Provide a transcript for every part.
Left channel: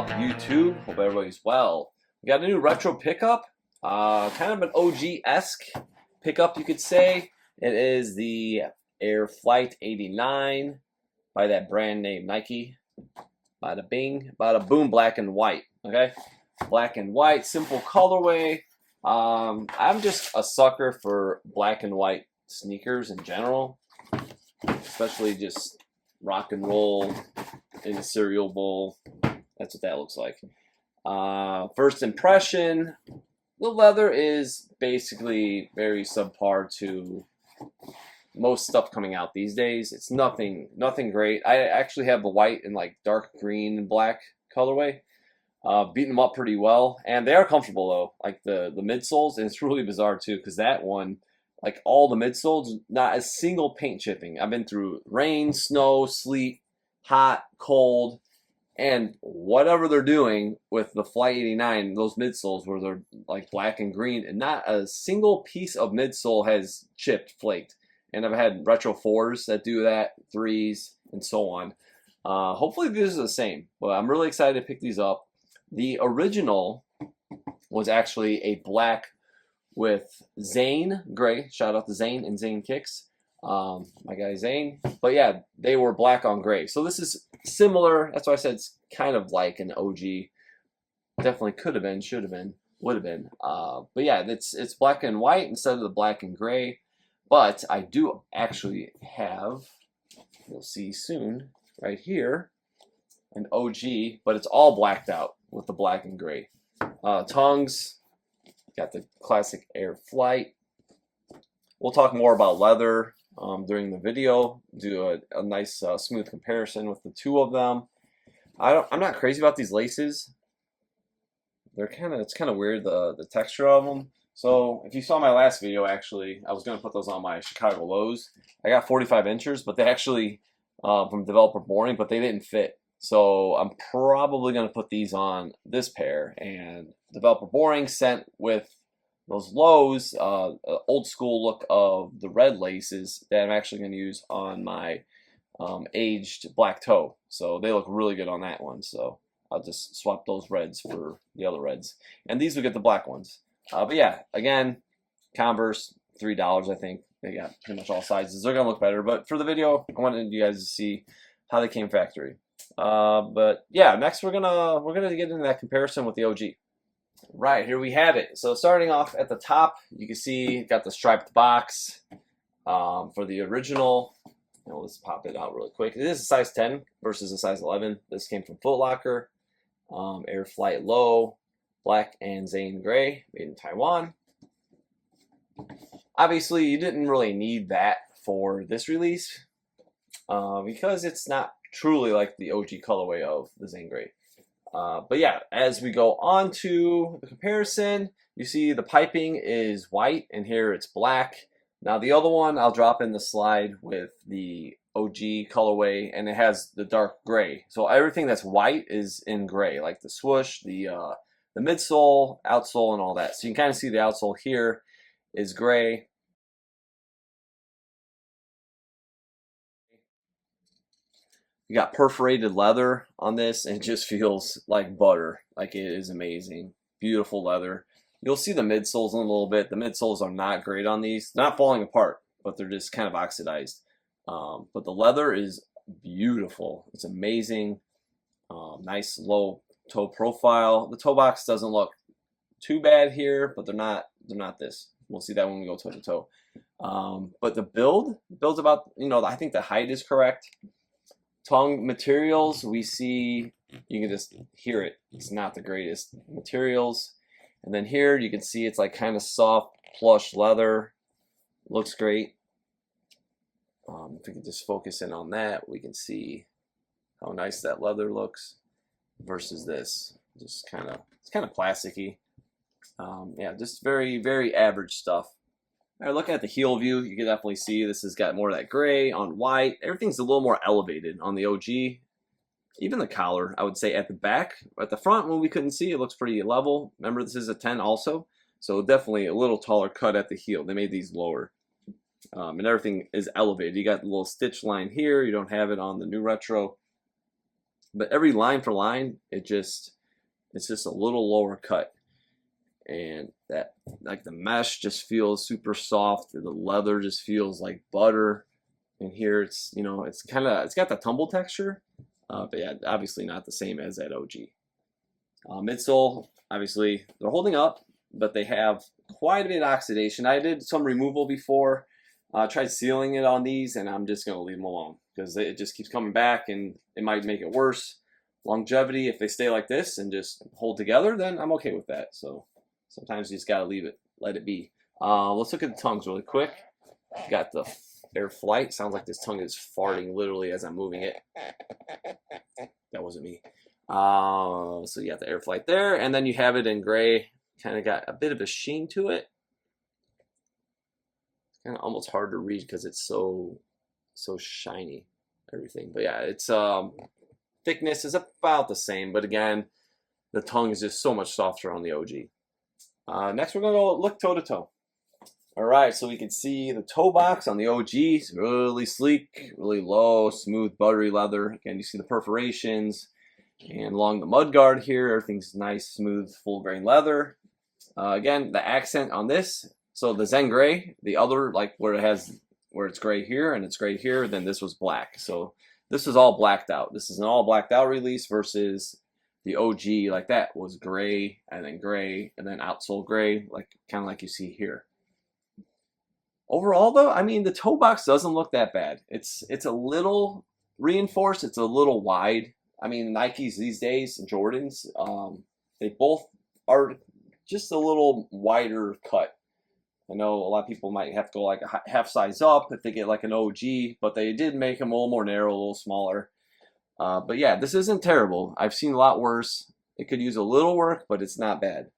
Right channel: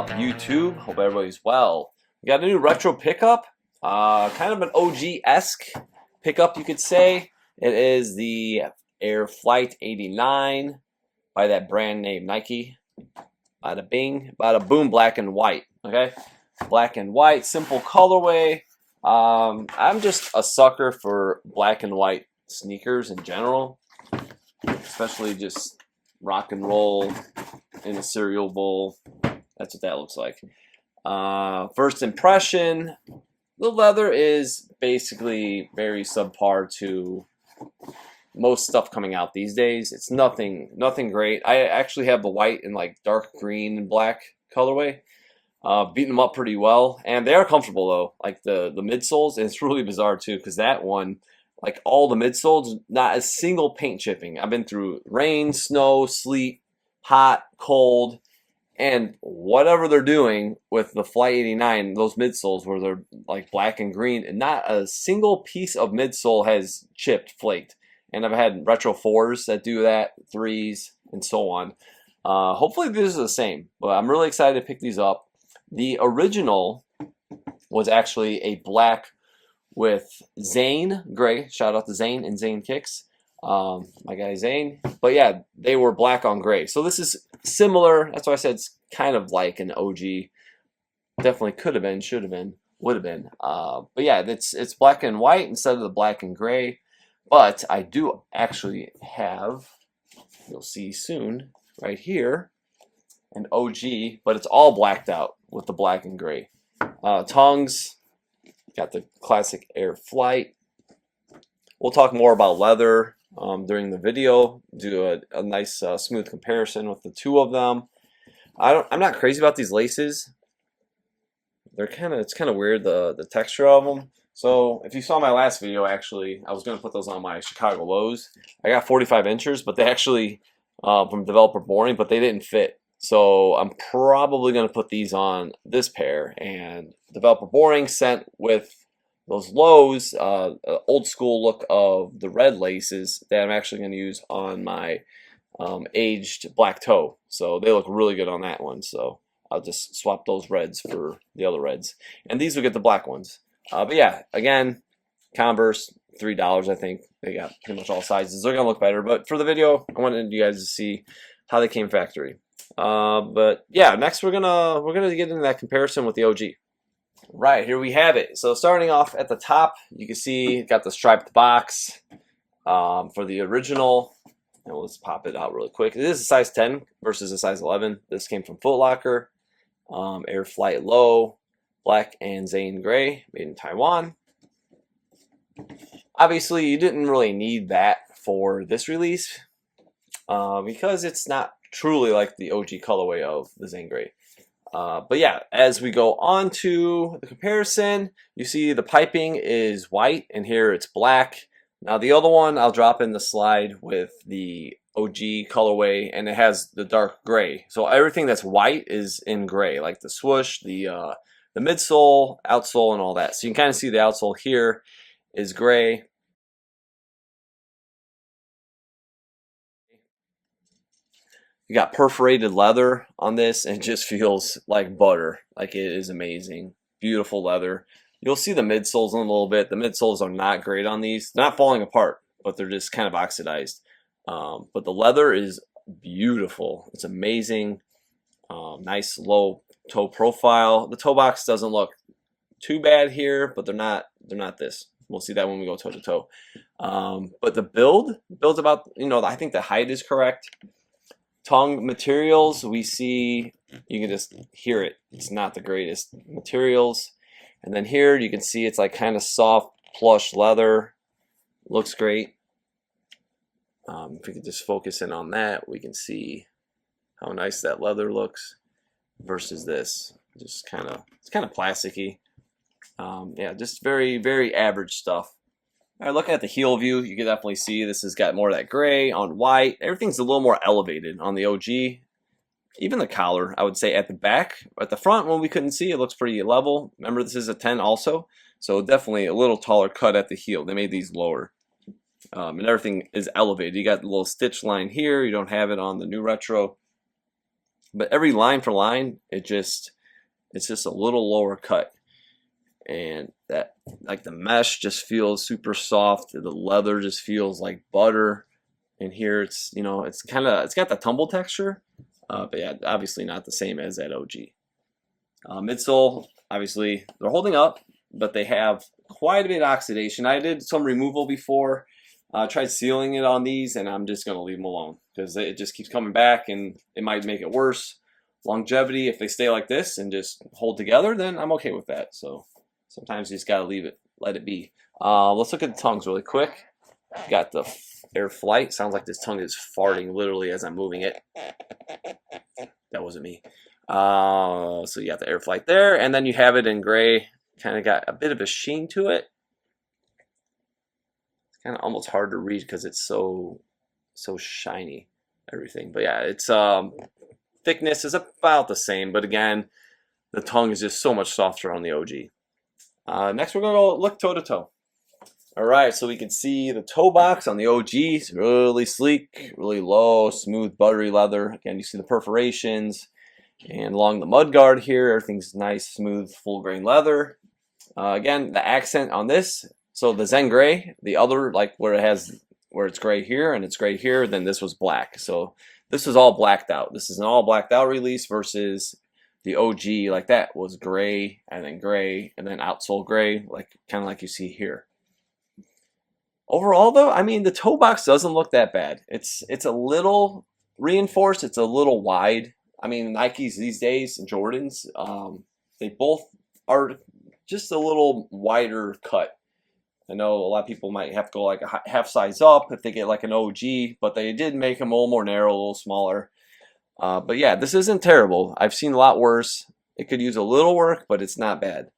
up, YouTube? Hope everybody's well. We got a new retro pickup, kind of an OG-esque pickup, you could say. It is the Air Flight 89 by that brand name Nike. Bada bing, bada boom, black and white. Okay, black and white, simple colorway. I'm just a sucker for black and white sneakers in general, especially just rock and roll in a cereal bowl. That's what that looks like. First impression, the leather is basically very subpar to most stuff coming out these days. It's nothing great. I actually have the white and like dark green and black colorway. Beating them up pretty well, and they are comfortable though. Like the midsoles, and it's really bizarre too, because that one, like all the midsoles, not a single paint chipping. I've been through rain, snow, sleet, hot, cold, and whatever they're doing with the Flight 89, those midsoles where they're like black and green, and not a single piece of midsole has chipped, flaked. And I've had retro 4s that do that, 3s, and so on. Hopefully this is the same, but I'm really excited to pick these up. The original was actually a black with Zane gray. Shout out to Zane and Zane Kicks, my guy Zane. But yeah, they were black on gray. So this is similar. That's why I said it's kind of like an OG. Definitely could have been, should have been, would have been. But yeah, it's black and white instead of the black and gray. But I do actually have, you'll see soon, right here, an OG, but it's all blacked out with the black and gray. Tongues, got the classic Air Flight. We'll talk more about leather during the video, do a nice smooth comparison with the two of them. I'm not crazy about these laces. It's kind of weird, the texture of them. So if you saw my last video, actually, I was going to put those on my Chicago lows. I got 45 inches, but they actually, from Developer Boring, but they didn't fit. So I'm probably going to put these on this pair. And Developer Boring sent with those lows, old school look of the red laces that I'm actually going to use on my aged black toe. So they look really good on that one. So I'll just swap those reds for the other reds. And these will get the black ones. But yeah, again, Converse, $3, I think. They got pretty much all sizes. They're going to look better. But for the video, I wanted you guys to see how they came factory. But yeah, next we're gonna get into that comparison with the OG. Right, here we have it. So starting off at the top, you can see got the striped box for the original. And let's pop it out really quick. This is a size 10 versus a size 11. This came from Foot Locker. Air Flight Low, black and Zane gray, made in Taiwan. Obviously, you didn't really need that for this release because it's not truly like the OG colorway of the Zane gray. But yeah, as we go on to the comparison, you see the piping is white and here it's black. Now the other one I'll drop in the slide with the OG colorway, and it has the dark gray. So everything that's white is in gray, like the swoosh, the midsole, outsole, and all that. So you can kind of see the outsole here is gray. You got perforated leather on this, and it just feels like butter. Like, it is amazing. Beautiful leather. You'll see the midsoles in a little bit. The midsoles are not great on these. They're not falling apart, but they're just kind of oxidized. But the leather is beautiful. It's amazing. Nice low toe profile. The toe box doesn't look too bad here, but they're not this. We'll see that when we go toe to toe. But the build's about, I think the height is correct. Tongue materials, we see, you can just hear it. It's not the greatest materials. And then here you can see it's like kind of soft plush leather. Looks great. If we could just focus in on that, we can see how nice that leather looks versus this. Just it's kind of plasticky. Yeah, just very, very average stuff. All right, looking at the heel view, you can definitely see this has got more of that gray on white. Everything's a little more elevated on the OG. Even the collar, I would say, at the back. At the front, when we couldn't see, it looks pretty level. Remember, this is a 10 also, so definitely a little taller cut at the heel. They made these lower. And everything is elevated. You got the little stitch line here. You don't have it on the new retro. but every line for line, it's just a little lower cut, and that like the mesh just feels super soft. The leather just feels like butter. And here it's it's it's got the tumble texture, but yeah, obviously not the same as that OG. Midsole, obviously they're holding up, but they have quite a bit of oxidation. I did some removal before. Tried sealing it on these, and I'm just gonna leave them alone because it just keeps coming back, and it might make it worse. Longevity, if they stay like this and just hold together, then I'm okay with that. So sometimes you just gotta leave it, let it be. Let's look at the tongues really quick. Got the air flight. Sounds like this tongue is farting literally as I'm moving it. That wasn't me. So you got the air flight there, and then you have it in gray. Kind of got a bit of a sheen to it. It's kind of almost hard to read because it's so shiny, everything. But yeah, it's thickness is about the same, but again, the tongue is just so much softer on the OG. Next, we're gonna go look toe to toe. All right, so we can see the toe box on the OG. It's really sleek, really low, smooth, buttery leather. Again, you see the perforations, and along the mud guard here, everything's nice, smooth, full grain leather. Again, the accent on this. So the Zen gray, the other like where it's gray here and it's gray here, then this was black. So this is all blacked out. This is an all blacked out release versus the OG like that was gray and then outsole gray, like kind of like you see here. Overall though, I mean the toe box doesn't look that bad. It's a little reinforced, it's a little wide. I mean Nikes these days and Jordans, they both are just a little wider cut. I know a lot of people might have to go like a half size up if they get like an OG, but they did make them a little more narrow, a little smaller. But yeah, this isn't terrible. I've seen a lot worse. It could use a little work, but it's not bad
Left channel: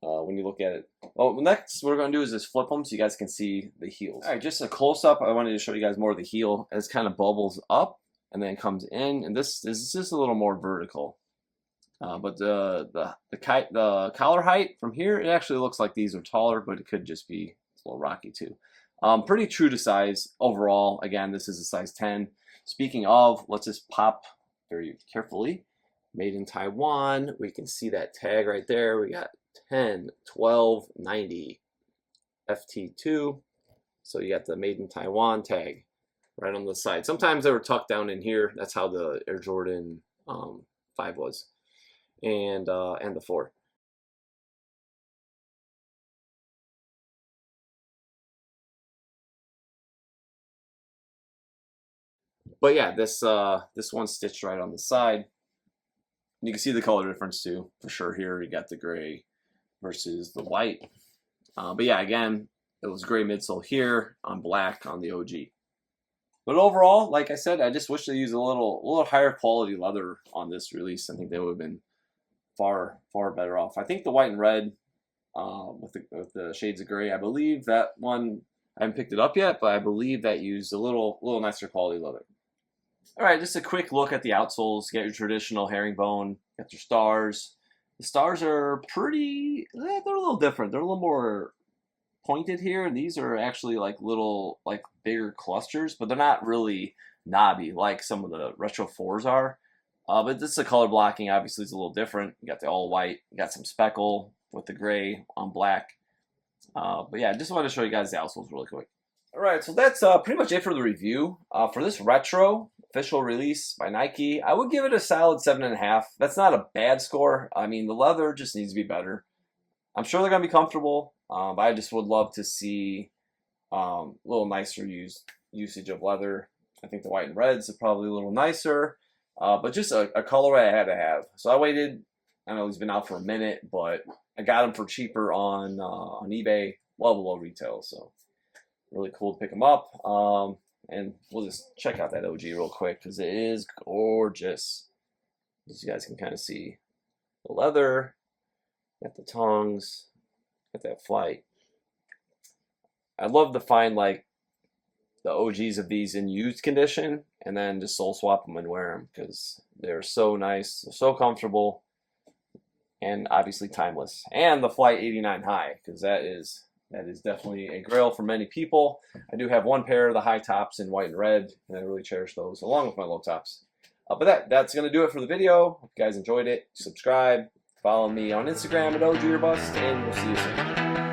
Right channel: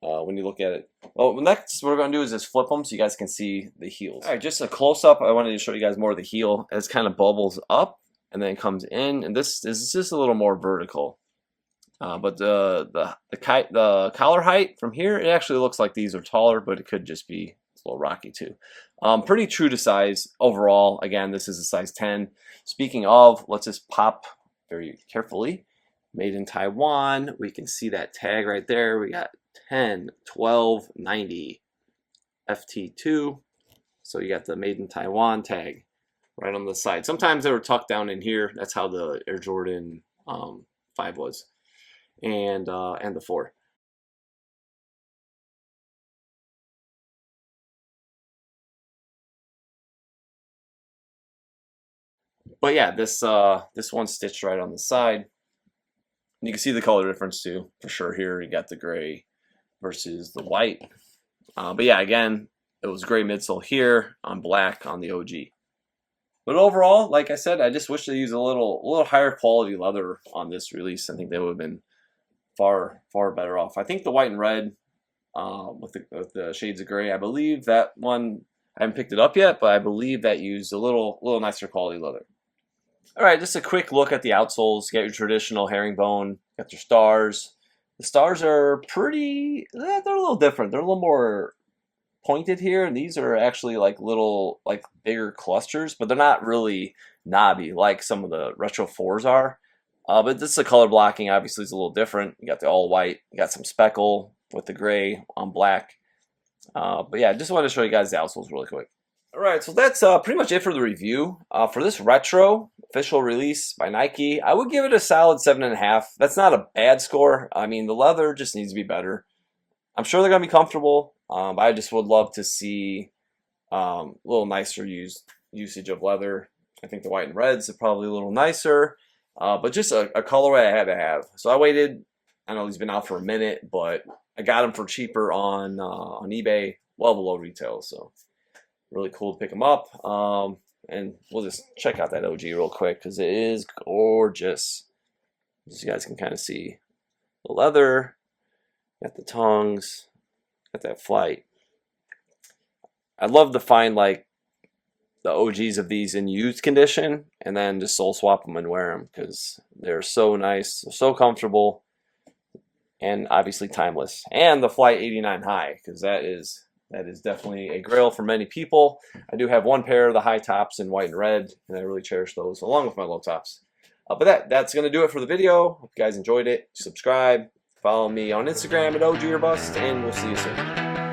when you look at it. Well, next what we're going to do is just flip them so you guys can see the heels. All right, just a close-up. I wanted to show you guys more of the heel as kind of bubbles up and then comes in, and this is just a little more vertical. But the collar height from here, it actually looks like these are taller, but it could just be a little rocky too. Pretty true to size overall. Again, this is a size 10. Speaking of, let's just pop very carefully. Made in Taiwan. We can see that tag right there. We got 10, 12, 90, FT2. So you got the Made in Taiwan tag right on the side. Sometimes they were tucked down in here. That's how the Air Jordan 5 was. And the 4. But yeah, this one's stitched right on the side. And you can see the color difference too, for sure. Here you got the gray versus the white. But yeah, again, it was gray midsole here on black on the OG. But overall, like I said, I just wish they used a little higher quality leather on this release. I think they would have been far better off. I think the white and red with the shades of gray, I believe that one, I haven't picked it up yet, but I believe that used a little nicer quality leather. All right, just a quick look at the outsoles. You got your traditional herringbone, got your stars. The stars are pretty, they're a little different. They're a little more pointed here, and these are actually like little, like bigger clusters, but they're not really knobby like some of the Retro 4s are. But this is the color blocking, obviously, is a little different. You got the all white, you got some speckle with the gray on black. But yeah, I just wanted to show you guys the outsoles really quick. All right, so that's pretty much it for the review. For this retro official release by Nike, I would give it a solid 7.5. That's not a bad score. I mean, the leather just needs to be better. I'm sure they're gonna be comfortable, but I just would love to see a little nicer usage of leather. I think the white and reds are probably a little nicer, but just a colorway I had to have. So I waited. I know he's been out for a minute, but I got him for cheaper on eBay, well below retail. So really cool to pick him up. And we'll just check out that OG real quick because it is gorgeous. As you guys can kind of see the leather, got the tongues, got that flight. I'd love to find like the OGs of these in used condition and then just soul swap them and wear them because they're so nice, so comfortable, and obviously timeless. And the Flight 89 high, because that is definitely a grail for many people. I do have one pair of the high tops in white and red, and I really cherish those along with my low tops. But that's going to do it for the video. Hope you guys enjoyed it. Subscribe. Follow me on Instagram at OG or Bust, and we'll see you soon.